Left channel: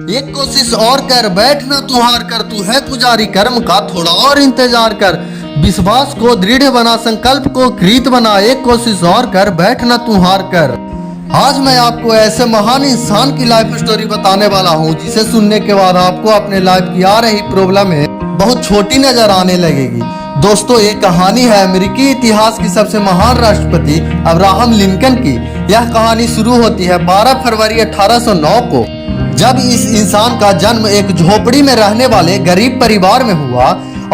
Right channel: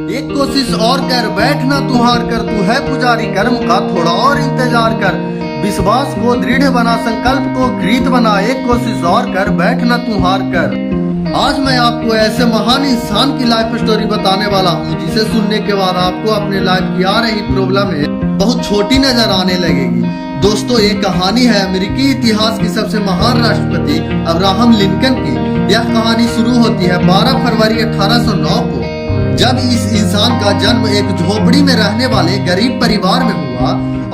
एक कोशिश और कर, बैठना तू हार कर, तू है पुजारी कर्म का, थोड़ा और इंतजार कर। विश्वास को दृढ़ बना, संकल्प को कृत बना, एक कोशिश और कर, बैठना तू हार कर। आज मैं आपको ऐसे महान इंसान की लाइफ स्टोरी बताने वाला हूँ जिसे सुनने के बाद आपको अपने लाइफ की आ रही प्रॉब्लम बहुत छोटी नजर आने लगेगी। दोस्तों, ये कहानी है अमेरिकी इतिहास की सबसे महान राष्ट्रपति अब्राहम लिंकन की। यह कहानी शुरू होती है 12 फरवरी 1809 को, जब इस इंसान का जन्म एक झोपड़ी में रहने वाले गरीब परिवार में हुआ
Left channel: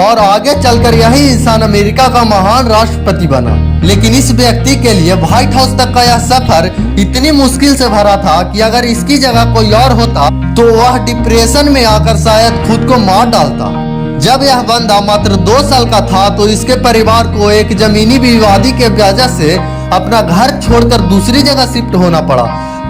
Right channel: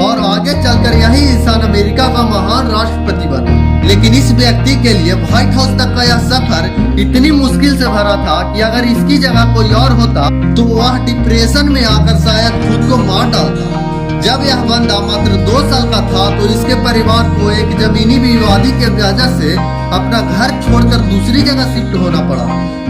और आगे चलकर यही इंसान अमेरिका का महान राष्ट्रपति बना। लेकिन इस व्यक्ति के लिए व्हाइट हाउस तक का यह सफर इतनी मुश्किल से भरा था कि अगर इसकी जगह कोई और होता तो वह डिप्रेशन में आकर शायद खुद को मार डालता। जब यह बंदा मात्र 2 साल का था तो इसके परिवार को एक जमीनी विवादी के वजह से अपना घर छोड़कर दूसरी जगह शिफ्ट होना पड़ा।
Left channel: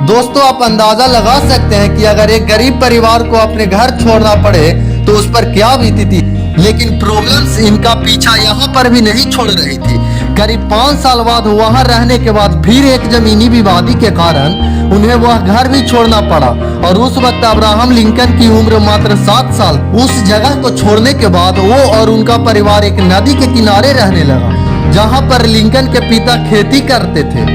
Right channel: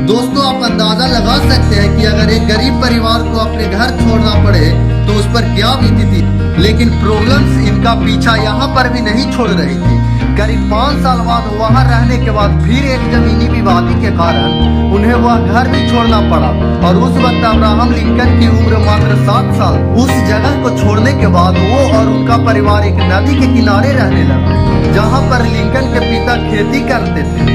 दोस्तों, आप अंदाजा लगा सकते हैं कि अगर एक गरीब परिवार को अपने घर छोड़ना पड़े तो उस पर क्या बीती थी। लेकिन प्रॉब्लम्स इनका पीछा यहाँ पर भी नहीं छोड़ रही थी। करीब 5 साल बाद वहाँ रहने के बाद फिर एक जमीनी विवादी के कारण उन्हें वह घर भी छोड़ना पड़ा और उस वक्त अब्राहम लिंकन की उम्र मात्र 7 साल। उस जगह को छोड़ने के बाद वो और उनका परिवार एक नदी के किनारे रहने लगा, जहाँ पर लिंकन के पिता खेती करते थे।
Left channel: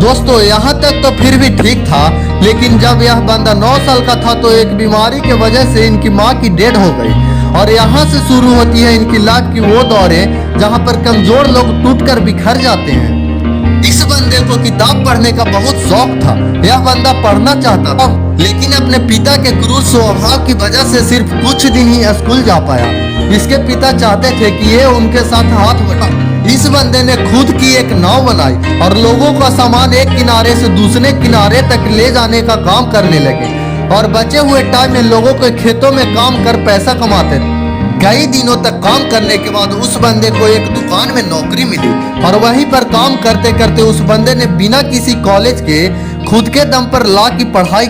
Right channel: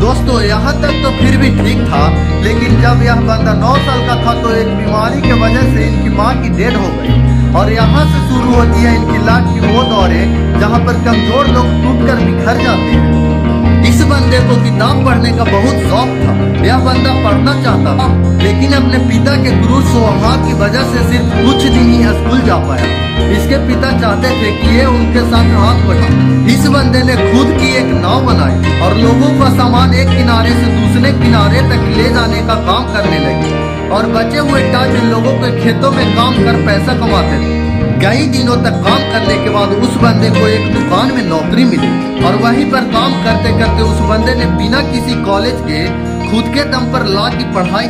दोस्तों, यहाँ तक तो फिर भी ठीक था, लेकिन जब यह बंदा 9 साल का था तो एक बीमारी की वजह से इनकी माँ की डेथ हो गई और यहाँ से शुरू होती है इनकी लाइफ की वो दौरें जहाँ पर कमजोर लोग टूटकर बिखर जाते हैं। इस बंदे को किताब पढ़ने का बहुत शौक था। यह बंदा पढ़ना चाहता था, लेकिन अपने पिता के क्रूर स्वभाव की वजह से सिर्फ कुछ दिन ही स्कूल जा पाया। इसके पिता चाहते थे कि ये उनके साथ हाथ बटाए। इस बंदे ने खुद की एक नाव बनाई और लोगों का सामान एक किनारे से दूसरे किनारे तक ले जाने का काम करने लगे और बचे हुए टाइम में लोगों के खेतों में काम कर पैसा कमाते थे। कई दिनों तक काम करने के बाद उस बंदे को एक दुकान में नौकरी मिली और वहीं पर काम करते करते उस बंदे ने बिना किसी कॉलेज के खुद के दम पर लॉ की पढ़ाई।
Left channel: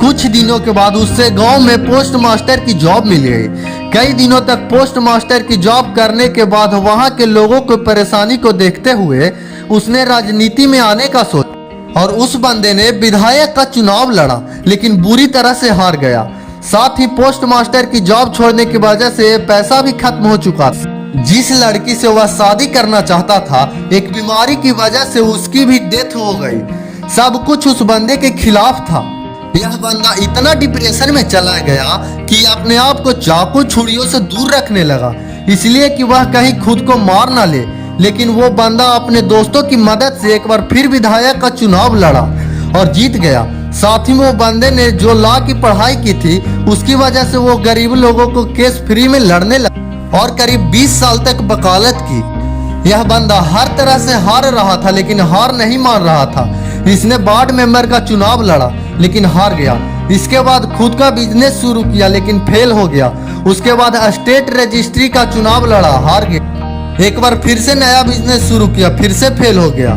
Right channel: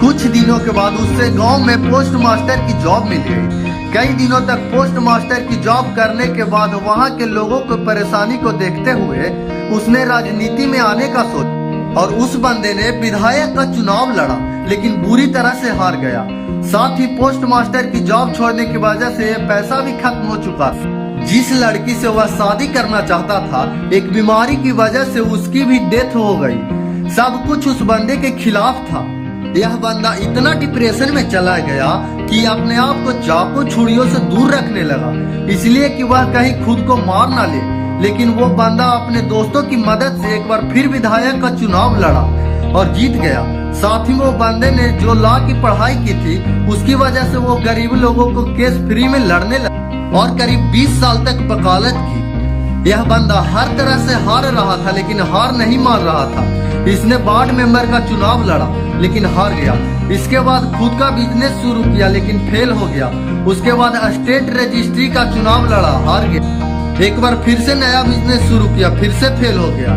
कुछ दिनों के बाद उससे गांव में पोस्ट मास्टर की जॉब मिल गई। कई दिनों तक पोस्ट मास्टर की जॉब करने के बाद वहां के लोगों को परेशानी को देखते हुए उसने राजनीति में आने का सोचा और उस बंदे ने विधायक का चुनाव लड़ा, लेकिन बुरी तरह से हार गया। साथ ही पोस्ट मास्टर की जॉब छोड़ने की वजह से पैसा भी खत्म हो चुका था। जिस लड़की से वह शादी करना चाहता था, एक बीमारी की वजह से उसकी भी डेथ हो गई। सब कुछ उस बंदे के खिलाफ था। यह बंदा इतना डिप्रेशन में चला गया कि अपने आप को चाकू छुरियों से दूर रखने लगा, इसलिए कि वह कहीं खुद को मार ना ले। लेकिन वो बंदा अपने दोस्तों की मदद से एक बार फिर विधायक का चुनाव लड़ा और जीत गया। साथ ही वो बंदे ने जो लॉ की पढ़ाई की थी उसकी वजह से वो गरीब लोगों को केस फ्री में लड़ने लगा और करीब 20 साल तक वकालत की। यह बंदा हर तरह से हार रहा था, लेकिन हार नहीं मान रहा था। इसने वार्ड मेंबर का चुनाव लड़ा लेकिन हार गया। इसके बाद खुद का बिजनेस शुरू किया लेकिन फेल हो गया। उसके बाद स्टेट रजिस्ट्री का चुनाव लड़ा, हार गया। एक बार फिर से नया बिजनेस शुरू किया, फिर से फेल हो गया।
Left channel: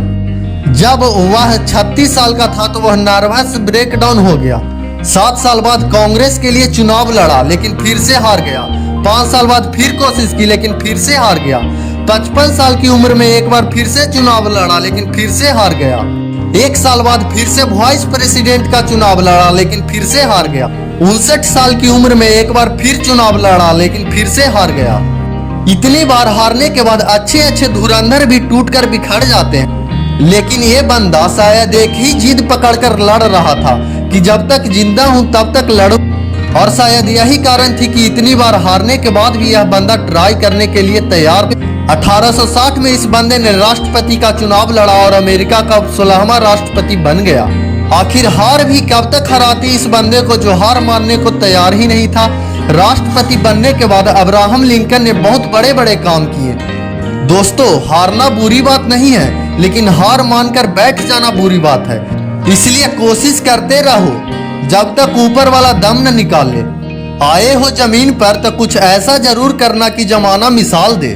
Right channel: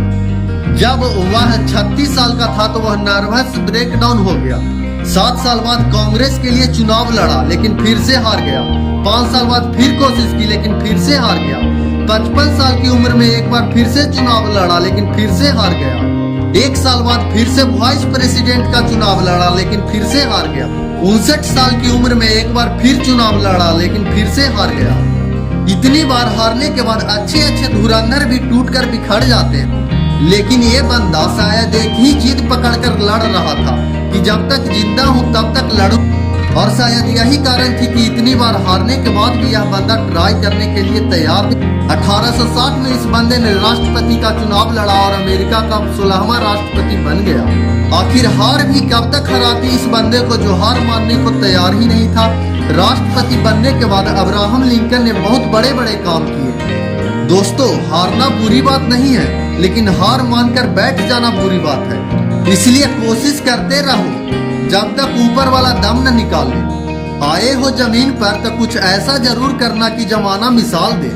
जब वह 36 साल का था तो वह नर्वस ब्रेकडाउन हो गया। 7 साल बाद कांग्रेस के लिए चुनाव लड़ा लेकिन फिर से हार गया। 5 साल बाद फिर कोशिश की लेकिन फिर से हार गया। 55 साल की उम्र में एक बार फिर से चुनाव लड़ा लेकिन फिर से हार गया। 1 साल बाद फिर से वाइस प्रेसिडेंट का चुनाव लड़ा लेकिन फिर से हार गया। 59 साल की उम्र में एक बार फिर चुनाव लड़ा लेकिन फिर से हार गया। इतनी बार हारने के बाद अच्छे अच्छे धुरंधर भी टूटकर बिखर जाते हैं, लेकिन ये बंदा शायद एक ही जिद पकड़कर लड़ रहा था कि जब तक जिंदा हूँ तब तक लड़ूं। और शायद यही कारण थी कि इतनी बार हारने के बाद भी यह बंदा ट्राई करने के लिए तैयार। 1860 में इस बंदे ने राष्ट्रपति का चुनाव लड़ा और अमेरिका का 16वां राष्ट्रपति बन गया। आखिर हार भी कब तक हराती इस बंदे को जो हार मानने को तैयार ही नहीं था। राष्ट्रपति बनने के बाद अब्राहम लिंकन ने बहुत बड़े बड़े काम किए। दोस्तों, हारना बुरी बात नहीं है, लेकिन हार मानकर बैठ जाना बुरी बात है। इसलिए कोशिश करते रहो जब तक ऊपर वाला दम न निकाल ले। आए हो जमीन पर तो कुछ ऐसा जरूर करना कि जमाना मिसाल दे।